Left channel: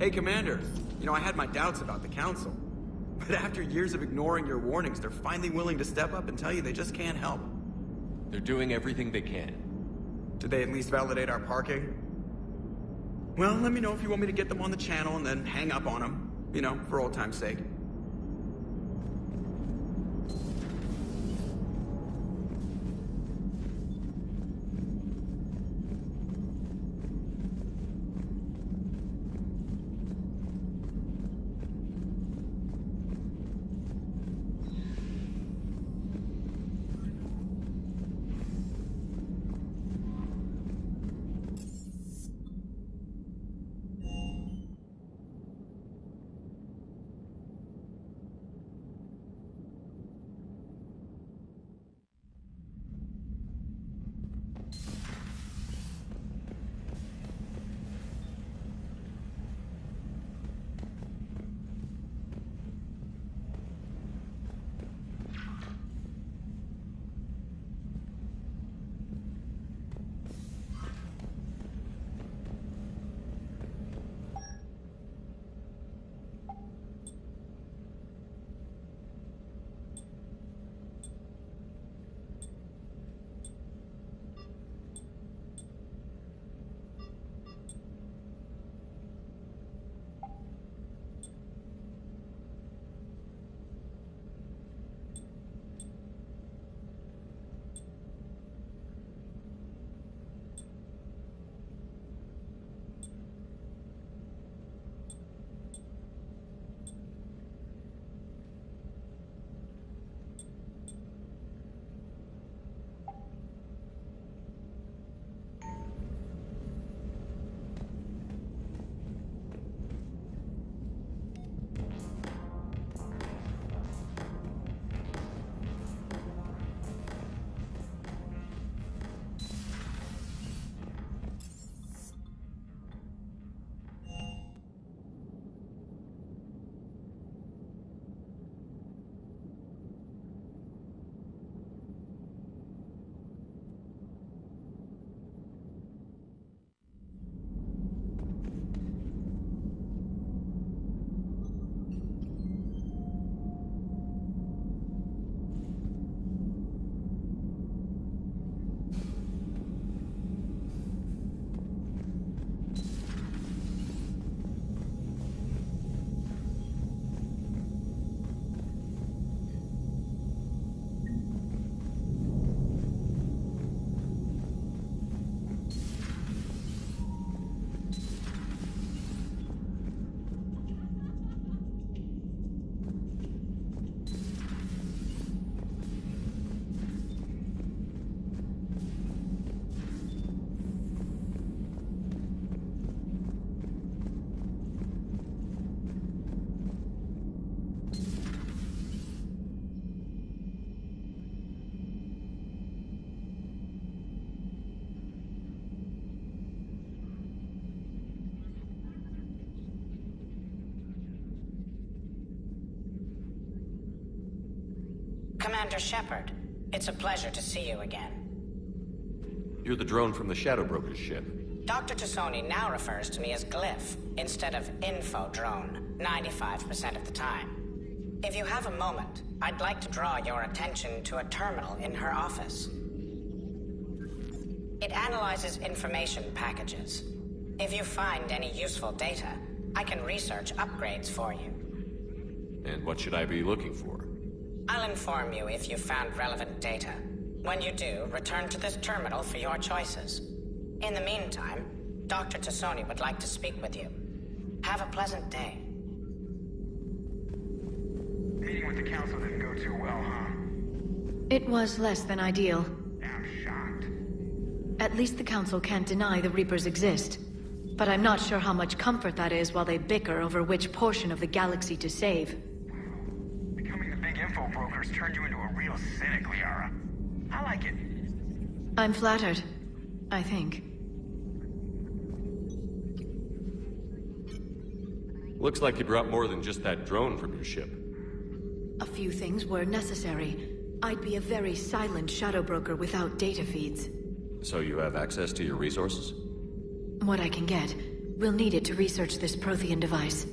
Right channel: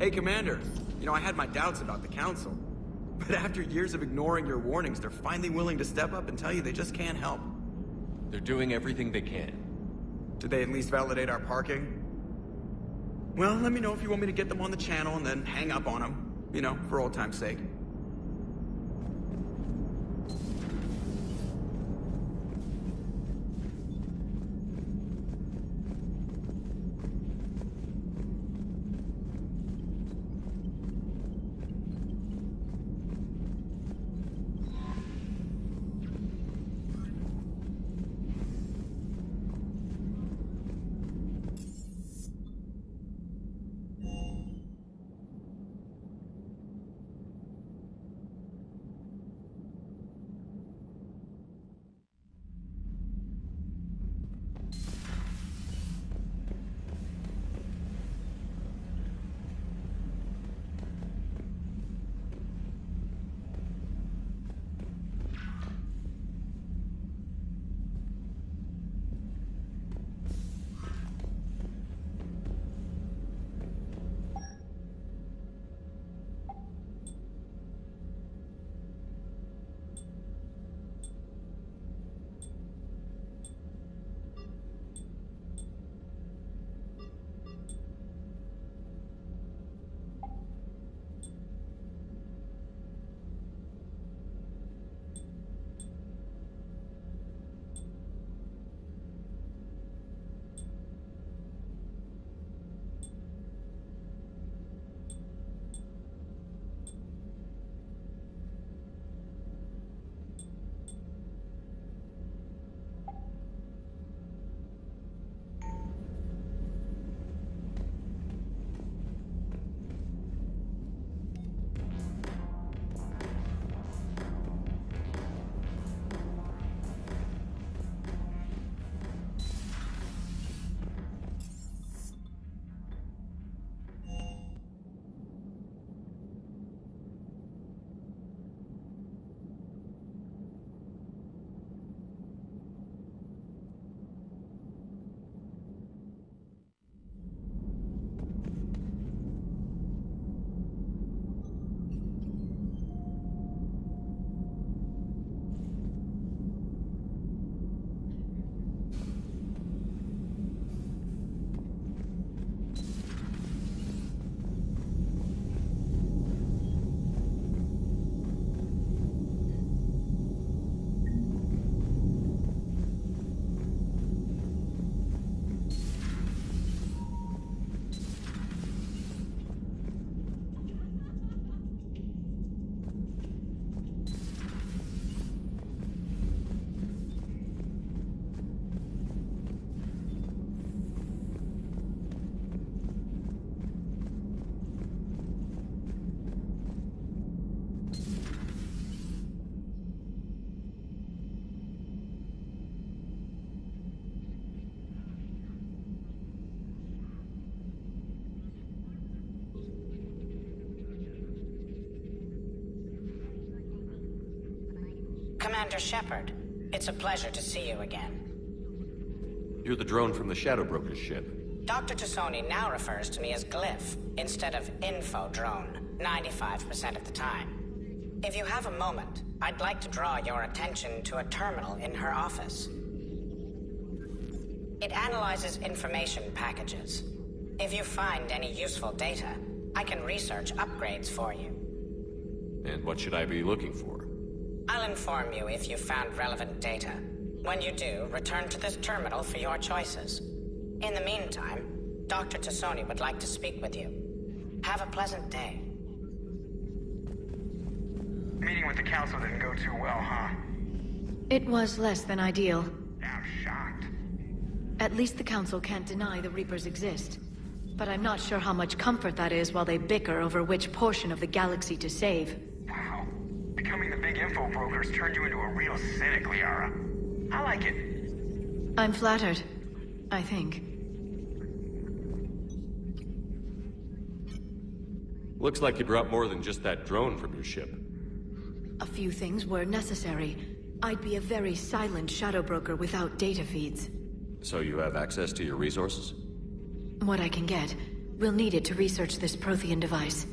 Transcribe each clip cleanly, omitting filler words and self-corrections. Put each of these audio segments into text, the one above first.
Hey, Commander. You know, I had my doubts about the Council. But after years of ignoring your warnings, they're finally willing to step up and tell you they just can't help. They're doing everything they can. Did they at least validate our parking? Well, let me know if you want me to get them on the channel and then hang up on them. You know, for old time's sake. Commander Shepard, it's a pleasure to see you again. You're the drone from the Shadow Broker's ship. Dr. Tassoni now refers to me as Glyph instead of Info Drone, 95% of the time. If you have a moment, I'd like to draw your attention to a terminal in her office. It analyzes information packages. If you find any useful data, I can research upgrades for you. And what should I be looking for? I'll inform you if you've found relevant data. When you do, return to this terminal for your choices. In the meantime, Dr. Tassoni would like to speak with you. Have a pleasant day. Meeting with the council didn't go too well, huh? It was less than ideal. I'm shocked. At least the council can't deny the Reapers exist. But I'm not sure how much comfort that is while they bicker over which portion of the galaxy to save. Wow. Becoming the big info rulers turned you into a real cynic, Liara. I like it. I'm flattered. I think. Looks like you brought more than just that drone from your ship. A few things were necessary. I'd be a very silent shadow broker without data feeds. So you have access to your resources? What I can get. We'll need it to research this Prothean device.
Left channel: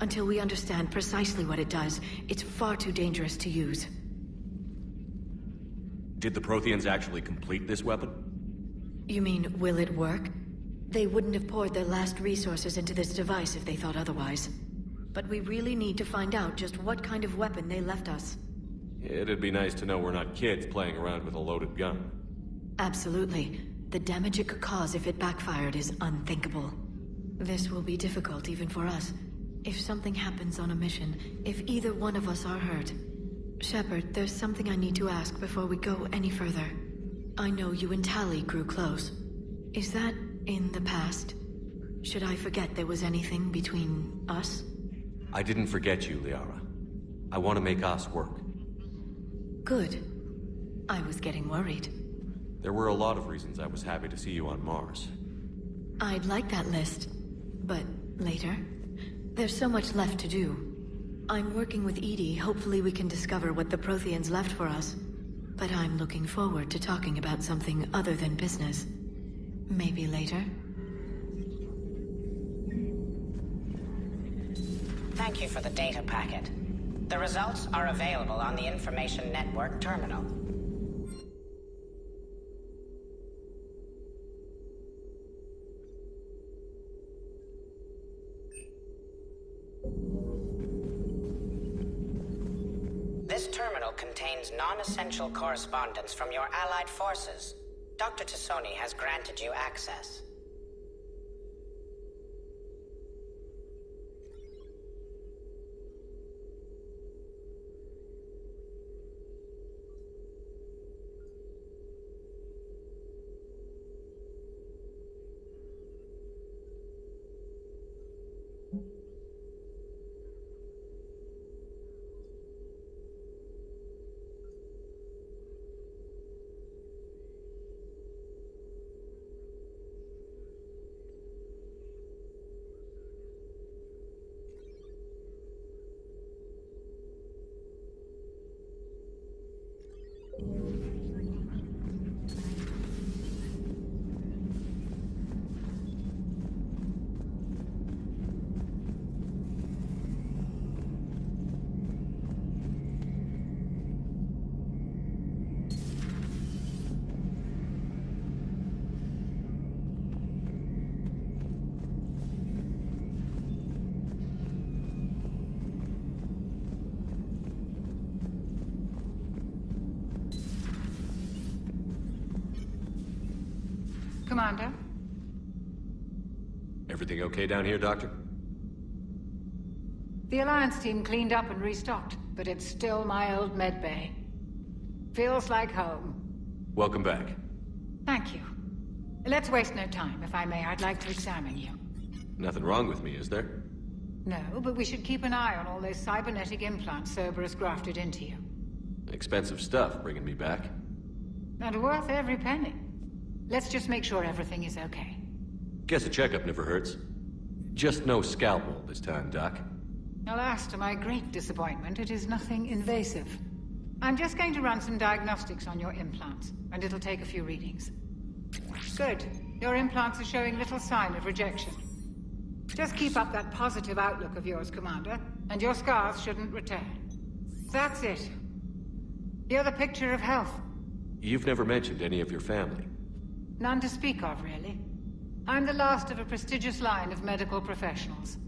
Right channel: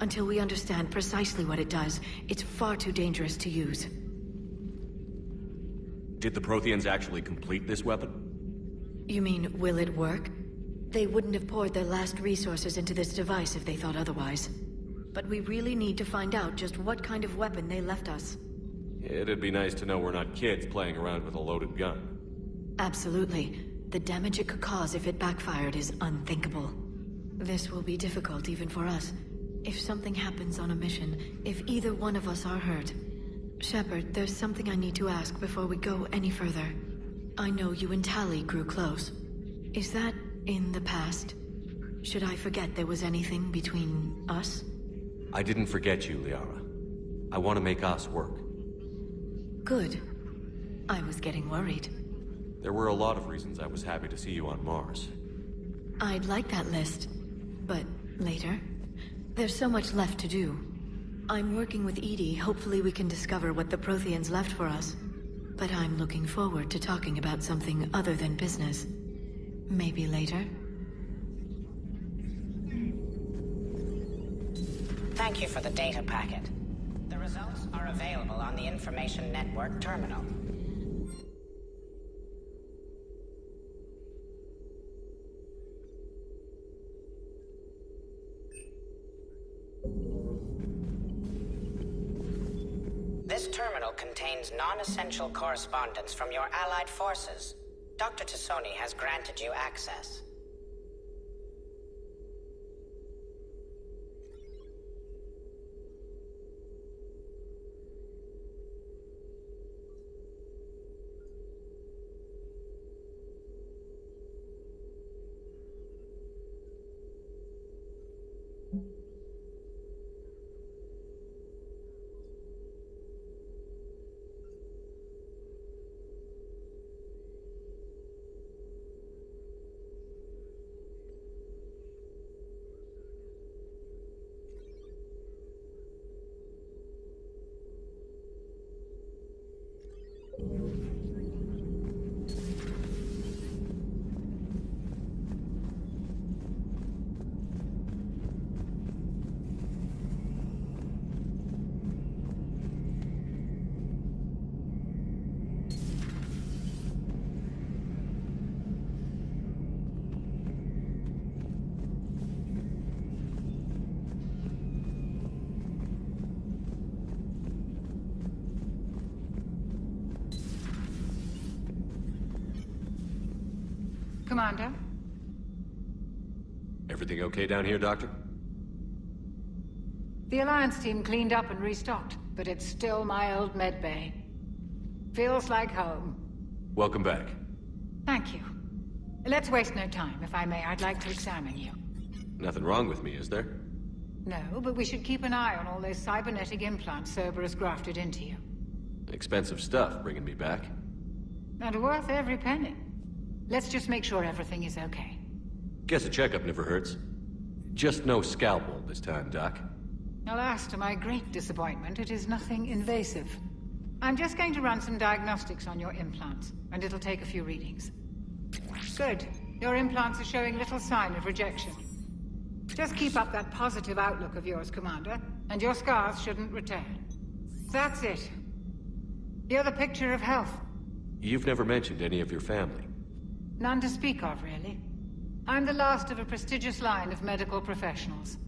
Until we understand precisely what it does, it's far too dangerous to use. Did the Protheans actually complete this weapon? You mean, will it work? They wouldn't have poured their last resources into this device if they thought otherwise. But we really need to find out just what kind of weapon they left us. It'd be nice to know we're not kids playing around with a loaded gun. Absolutely. The damage it could cause if it backfired is unthinkable. This will be difficult even for us. If something happens on a mission, if either one of us are hurt. Shepard, there's something I need to ask before we go any further. I know you and Tali grew close. Is that in the past? Should I forget there was anything between us? I didn't forget you, Liara. I want to make us work. Good. I was getting worried. There were a lot of reasons I was happy to see you on Mars. I'd like that list, but later. There's so much left to do. I'm working with Edie. Hopefully we can discover what the Protheans left for us. But I'm looking forward to talking about something other than business. Maybe later? Thank you for the it. The results are available on the Information Network terminal. This terminal contains non-essential correspondence from your allied forces. Dr. Tassoni has granted you access. Commander? Everything okay down here, Doctor? The Alliance team cleaned up and restocked, but it's still my old medbay. Feels like home. Welcome back. Thank you. Let's waste no time. If I may, I'd like to examine you. Nothing wrong with me, is there? No, but we should keep an eye on all those cybernetic implants Cerberus grafted into you. Expensive stuff bringing me back. And worth every penny. Let's just make sure everything is okay. Guess a checkup never hurts. Just no scalpel this time, Doc. Alas, to my great disappointment, it is nothing invasive. I'm just going to run some diagnostics on your implants, and it'll take a few readings. Good. Your implants are showing little sign of rejection. Just keep up that positive outlook of yours, Commander, and your scars shouldn't return. That's it. You're the picture of health. You've never mentioned any of your family. None to speak of, really. I'm the last of a prestigious line of medical professionals.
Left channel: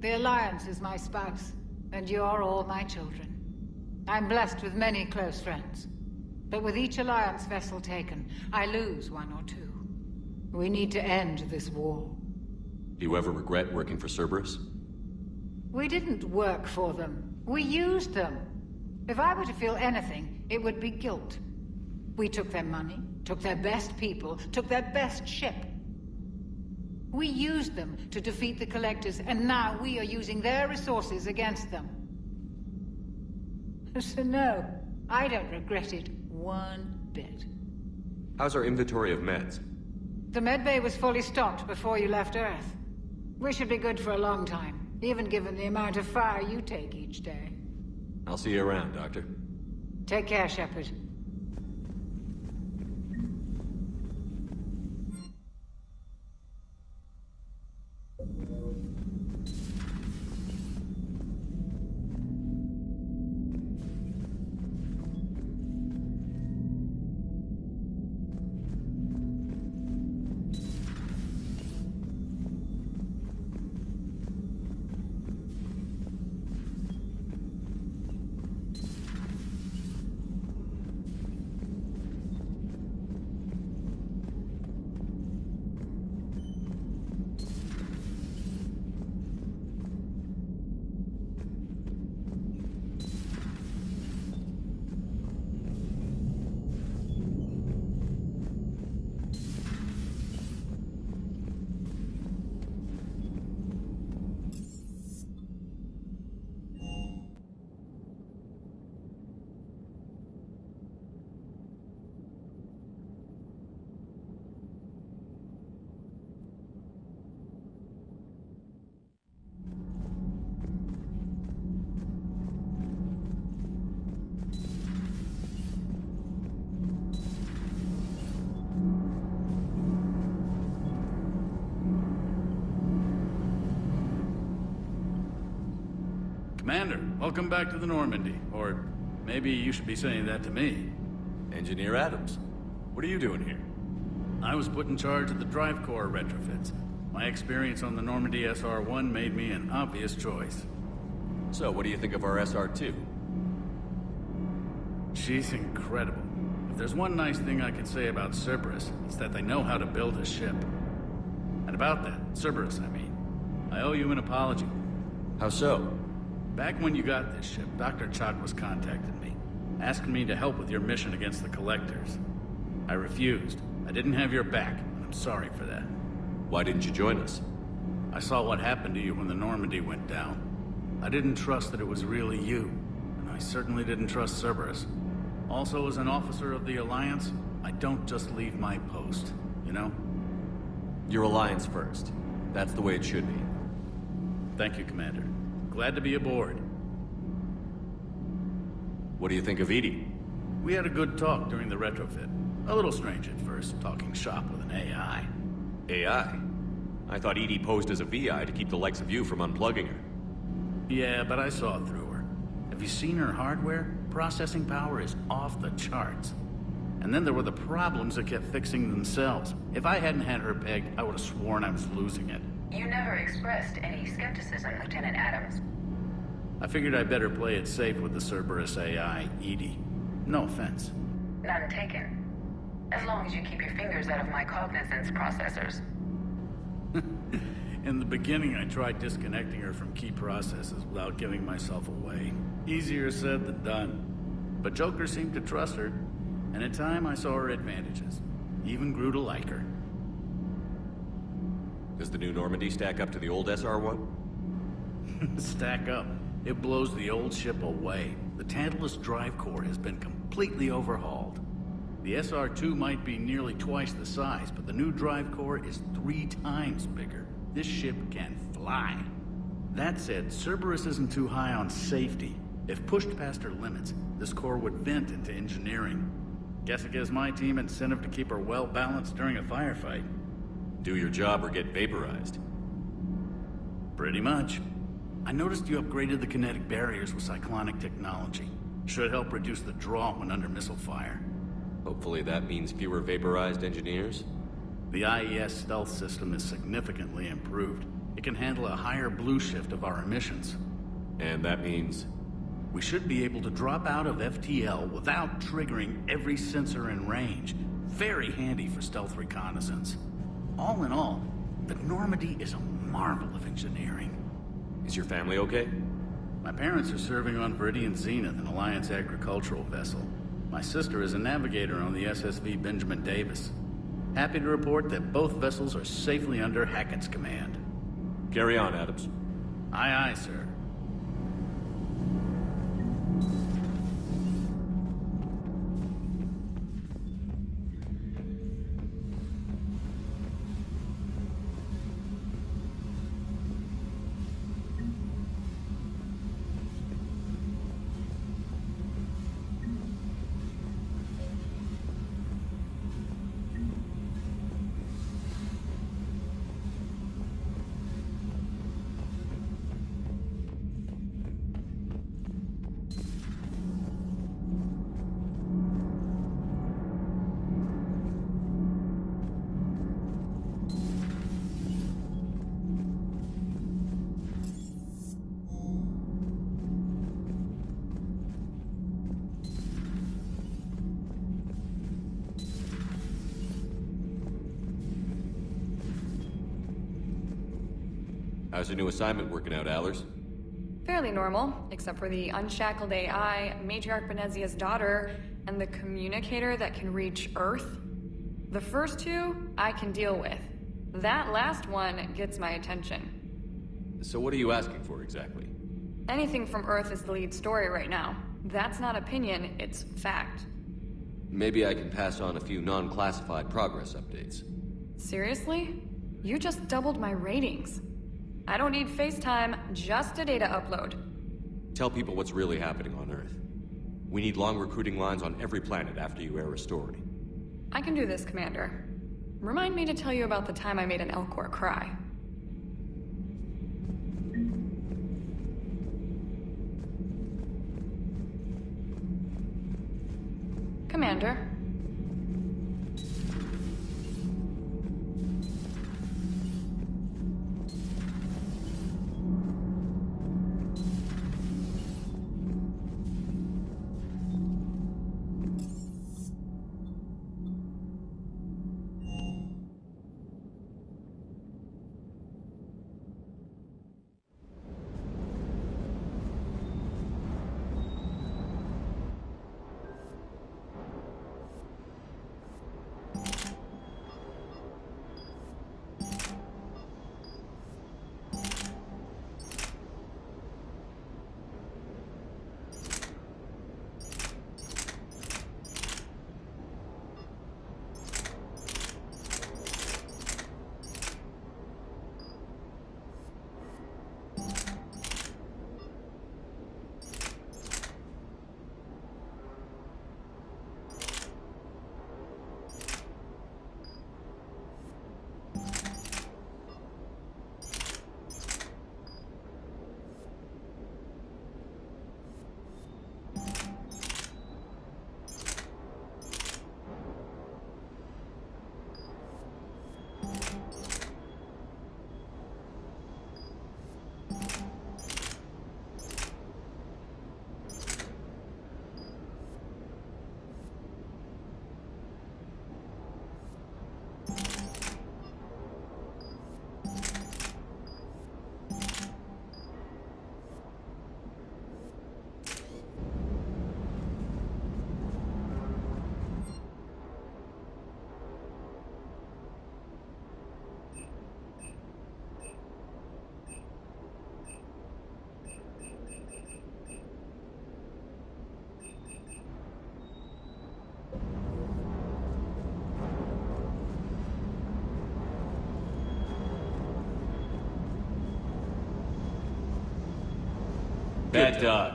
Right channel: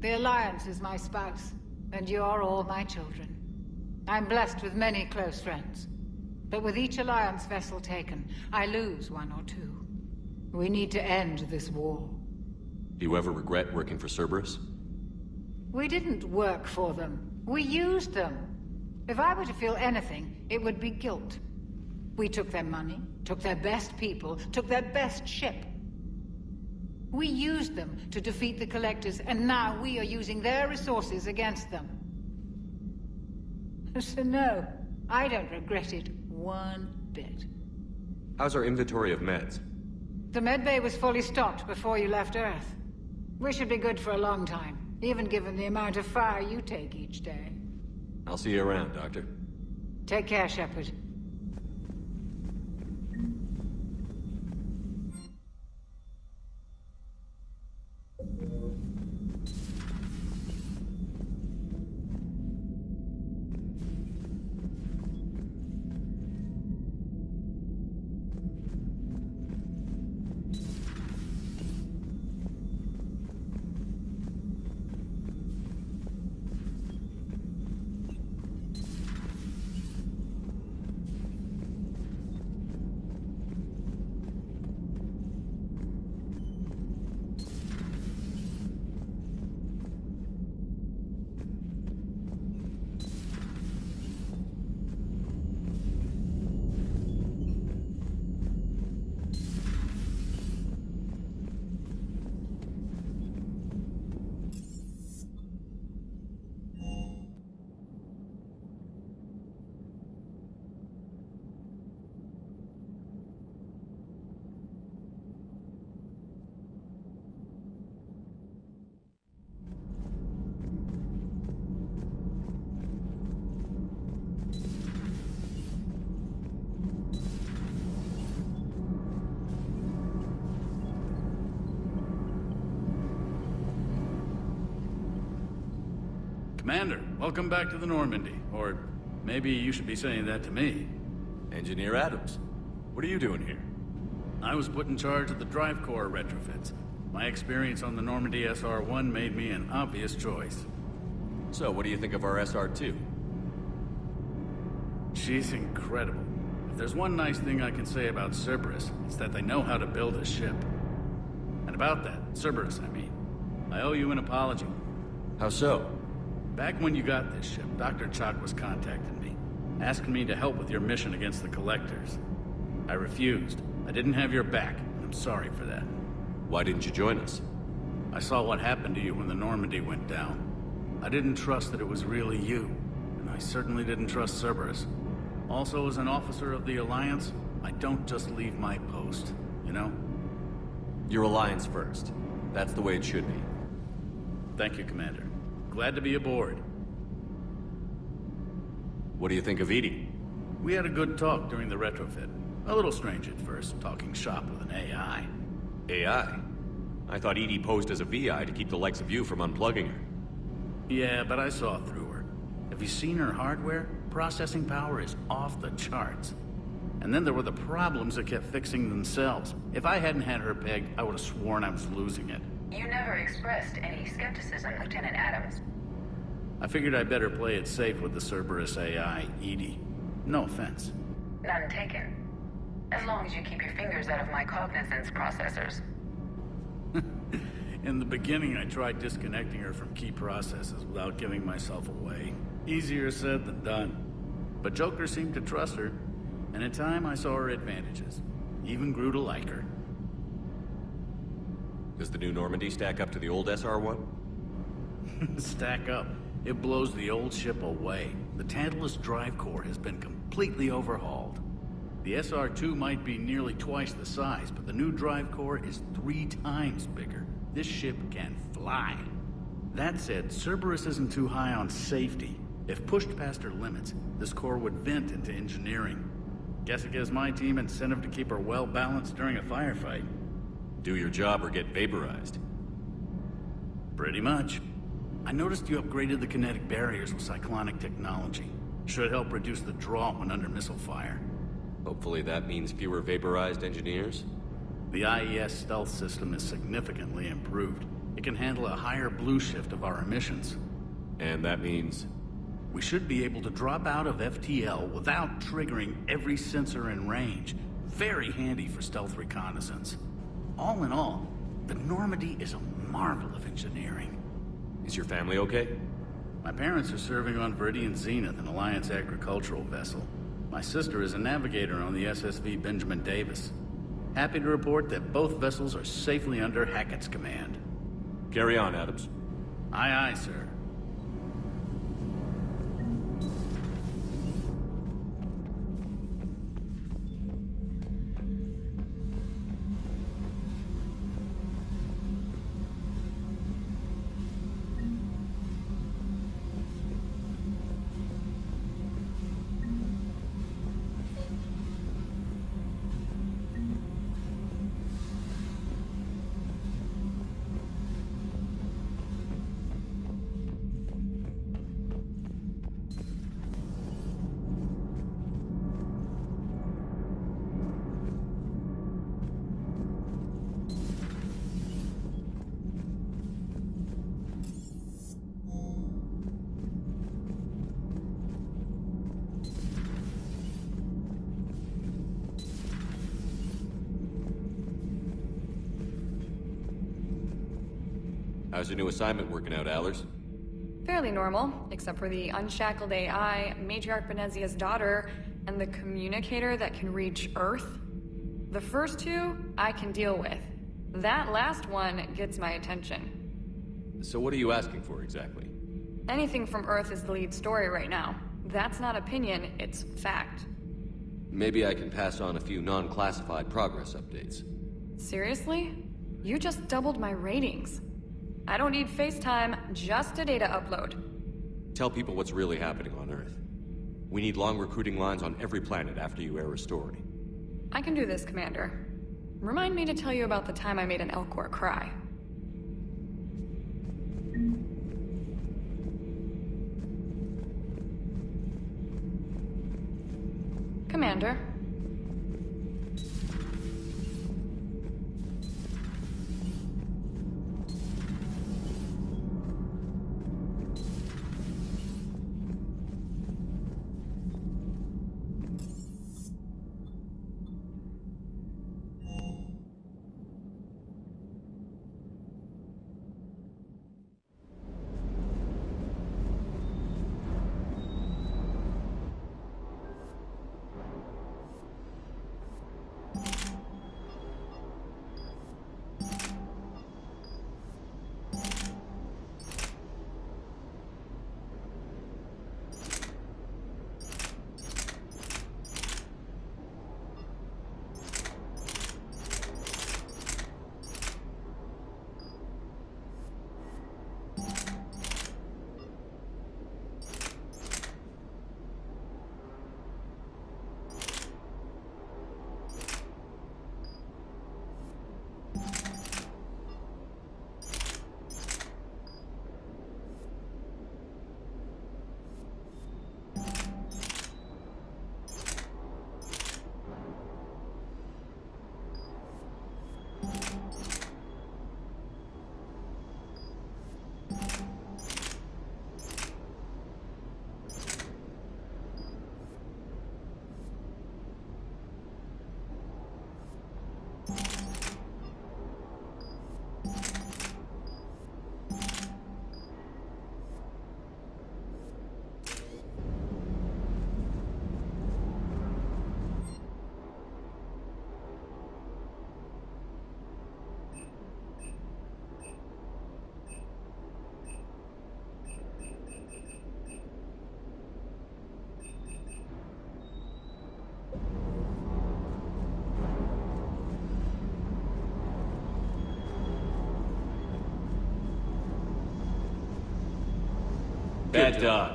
The Alliance is my spouse, and you're all my children. I'm blessed with many close friends. But with each Alliance vessel taken, I lose one or two. We need to end this war. Do you ever regret working for Cerberus? We didn't work for them. We used them. If I were to feel anything, it would be guilt. We took their money, took their best people, took their best ship. We used them to defeat the Collectors, and now we are using their resources against them. So no, I don't regret it one bit. How's our inventory of meds? The medbay was fully stocked before you left Earth. We should be good for a long time, even given the amount of fire you take each day. I'll see you around, Doctor. Take care, Shepard. Commander, welcome back to the Normandy. Or maybe you should be saying that to me. Engineer Adams, what are you doing here? I was put in charge of the drive core retrofits. My experience on the Normandy SR-1 made me an obvious choice. So, what do you think of our SR-2? She's incredible. If there's one nice thing I can say about Cerberus, it's that they know how to build a ship. And about that, Cerberus, I mean, I owe you an apology. How so? Back when you got this ship, Dr. Chalk was contacting me, asking me to help with your mission against the Collectors. I refused. I didn't have your back, and I'm sorry for that. Why didn't you join us? I saw what happened to you when the Normandy went down. I didn't trust that it was really you, and I certainly didn't trust Cerberus. Also, as an officer of the Alliance, I don't just leave my post, you know? Your Alliance first. That's the way it should be. Thank you, Commander. Glad to be aboard. What do you think of Edie? We had a good talk during the retrofit. A little strange at first, talking shop with an AI. AI? I thought Edie posed as a VI to keep the likes of you from unplugging her. Yeah, but I saw through her. Have you seen her hardware? Processing power is off the charts. And then there were the problems that kept fixing themselves. If I hadn't had her pegged, I would have sworn I was losing it. You never expressed any skepticism, Lieutenant Adams. I figured I'd better play it safe with the Cerberus AI, Edie. No offense. None taken. As long as you keep your fingers out of my cognizance processors. In the beginning, I tried disconnecting her from key processes without giving myself away. Easier said than done. But Joker seemed to trust her, and in time I saw her advantages. Even grew to like her. Does the new Normandy stack up to the old SR-1? Stack up. It blows the old ship away. The Tantalus drive core has been completely overhauled. The SR-2 might be nearly twice the size, but the new drive core is 3 times bigger. This ship can fly. That said, Cerberus isn't too high on safety. If pushed past her limits, this core would vent into engineering. Guess it gives my team incentive to keep her well balanced during a firefight. Do your job or get vaporized. Pretty much. I noticed you upgraded the kinetic barriers with cyclonic technology. Should help reduce the draw when under missile fire. Hopefully that means fewer vaporized engineers? The IES stealth system is significantly improved. It can handle a higher blue shift of our emissions. And that means? We should be able to drop out of FTL without triggering every sensor in range. Very handy for stealth reconnaissance. All in all, the Normandy is a marvel of engineering. Is your family okay? My parents are serving on Viridian Zenith, an Alliance agricultural vessel. My sister is a navigator on the SSV Benjamin Davis. Happy to report that both vessels are safely under Hackett's command. Carry on, Adams. Aye, aye, sir. How's your new assignment working out, Allers? Fairly normal, except for the unshackled AI, Matriarch Benezia's daughter, and the communicator that can reach Earth. The first two, I can deal with. That last one gets my attention. So what are you asking for, exactly? Anything from Earth is the lead story right now. That's not opinion, it's fact. Maybe I can pass on a few non-classified progress updates. Seriously? You just doubled my ratings. I don't need FaceTime, just a data upload. Tell people what's really happening on Earth. We need long recruiting lines on every planet after you air a story. I can do this, Commander. Remind me to tell you about the time I made an Elcor cry. Commander. Bad dog.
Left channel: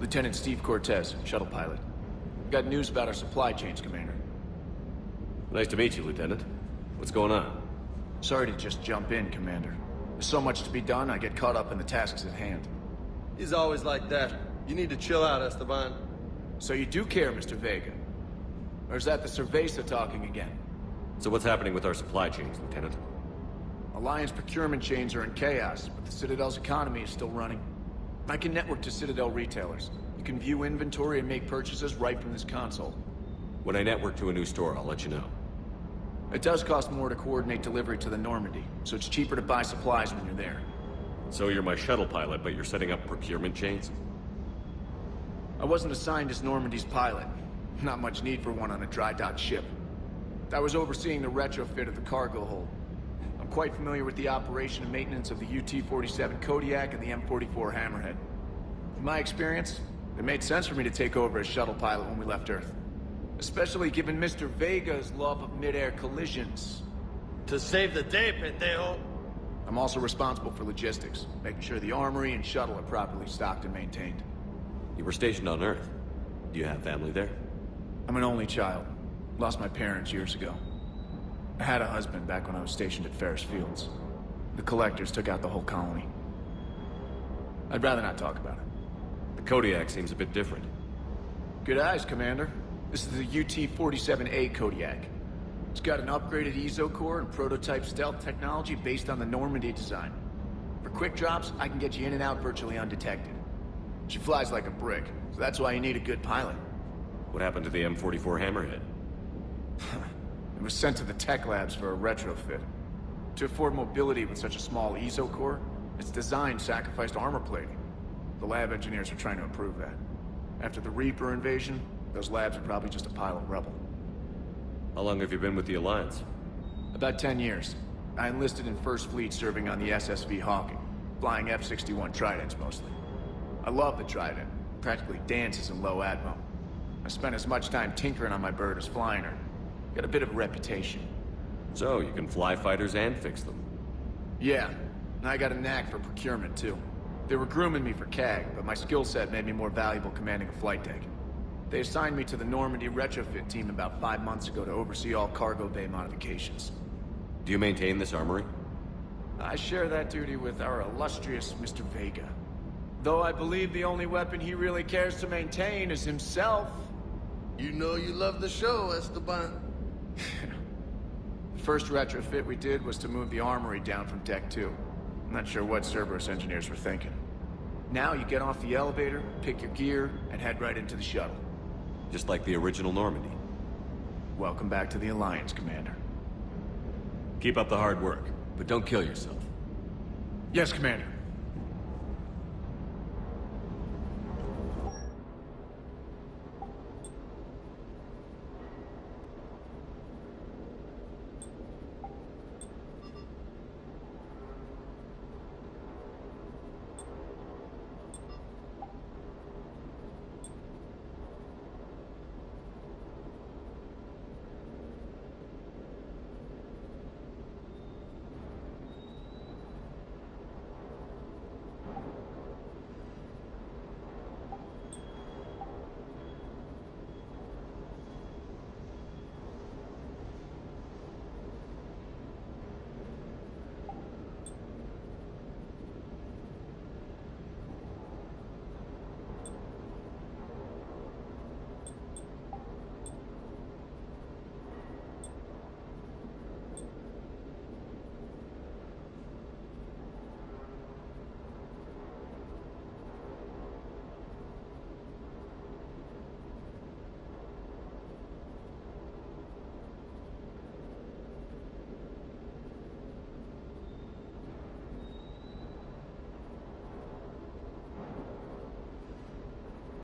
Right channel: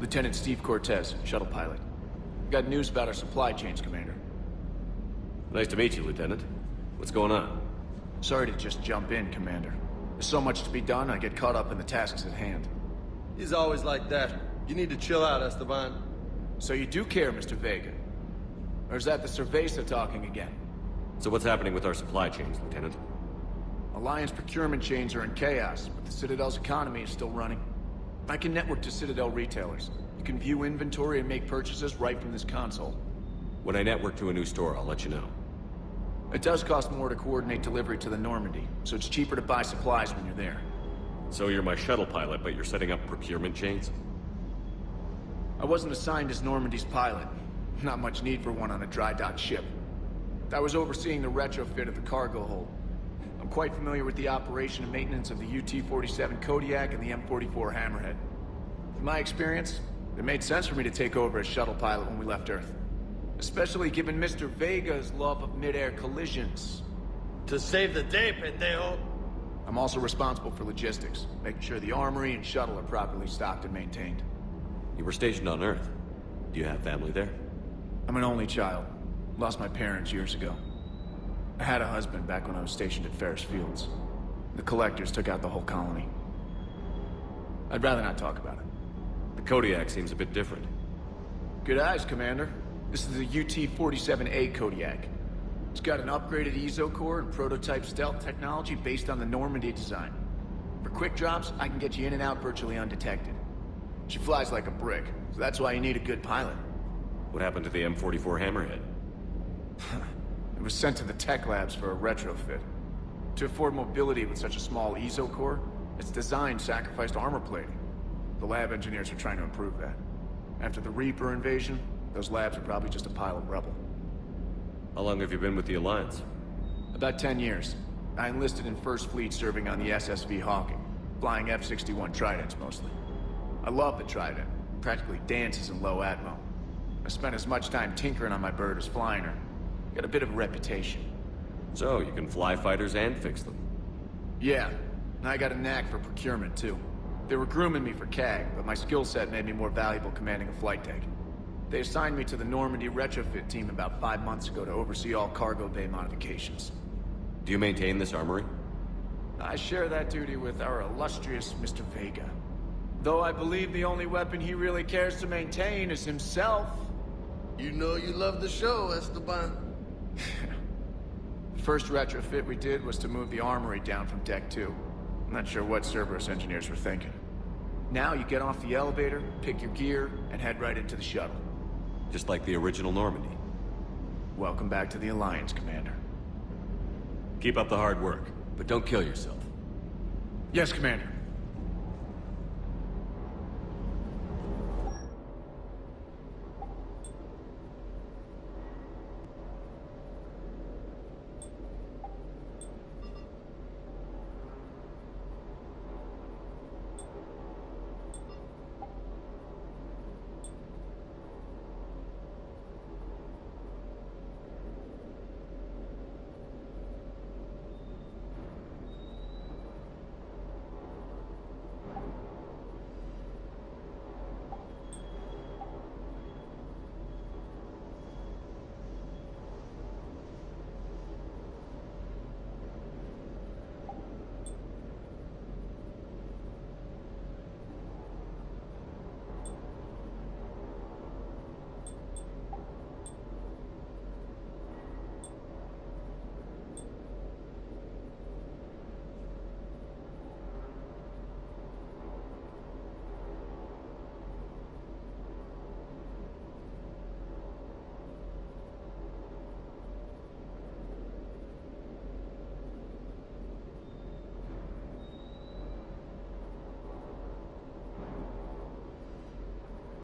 Lieutenant Steve Cortez, shuttle pilot. Got news about our supply chains, Commander. Nice to meet you, Lieutenant. What's going on? Sorry to just jump in, Commander. There's so much to be done, I get caught up in the tasks at hand. He's always like that. You need to chill out, Esteban. So you do care, Mr. Vega? Or is that the Cerveza talking again? So what's happening with our supply chains, Lieutenant? Alliance procurement chains are in chaos, but the Citadel's economy is still running. I can network to Citadel retailers. You can view inventory and make purchases right from this console. When I network to a new store, I'll let you know. It does cost more to coordinate delivery to the Normandy, so it's cheaper to buy supplies when you're there. So you're my shuttle pilot, but you're setting up procurement chains? I wasn't assigned as Normandy's pilot. Not much need for one on a dry dock ship. I was overseeing the retrofit of the cargo hold. I'm quite familiar with the operation and maintenance of the UT-47 Kodiak and the M44 Hammerhead. In my experience, it made sense for me to take over as shuttle pilot when we left Earth. Especially given Mr. Vega's love of mid-air collisions. To save the day, pendejo. I'm also responsible for logistics, making sure the armory and shuttle are properly stocked and maintained. You were stationed on Earth. Do you have family there? I'm an only child. Lost my parents years ago. I had a husband back when I was stationed at Ferris Fields. The Collectors took out the whole colony. I'd rather not talk about it. The Kodiak seems a bit different. Good eyes, Commander. This is the UT-47A Kodiak. It's got an upgraded EZO core and prototype stealth technology based on the Normandy design. For quick drops, I can get you in and out virtually undetected. She flies like a brick, so that's why you need a good pilot. What happened to the M44 Hammerhead? It was sent to the tech labs for a retrofit. To afford mobility with such a small EZO core, its design sacrificed armor plating. The lab engineers are trying to improve that. After the Reaper invasion, Those labs are probably just a pile of rubble. How long have you been with the Alliance? About 10 years. I enlisted in First Fleet serving on the SSV Hawking, flying F-61 Tridents mostly. I love the Trident. It practically dances in low atmo. I spent as much time tinkering on my bird as flying her. Got a bit of a reputation. So, you can fly fighters and fix them. Yeah, and I got a knack for procurement too. They were grooming me for CAG, but my skill set made me more valuable commanding a flight deck. They assigned me to the Normandy retrofit team about 5 months ago to oversee all cargo bay modifications. Do you maintain this armory? I share that duty with our illustrious Mr. Vega. Though I believe the only weapon he really cares to maintain is himself. You know you love the show, Esteban. The first retrofit we did was to move the armory down from Deck 2. I'm not sure what Cerberus engineers were thinking. Now you get off the elevator, pick your gear, and head right into the shuttle. Just like the original Normandy. Welcome back to the Alliance, Commander. Keep up the hard work, but don't kill yourself. Yes, Commander.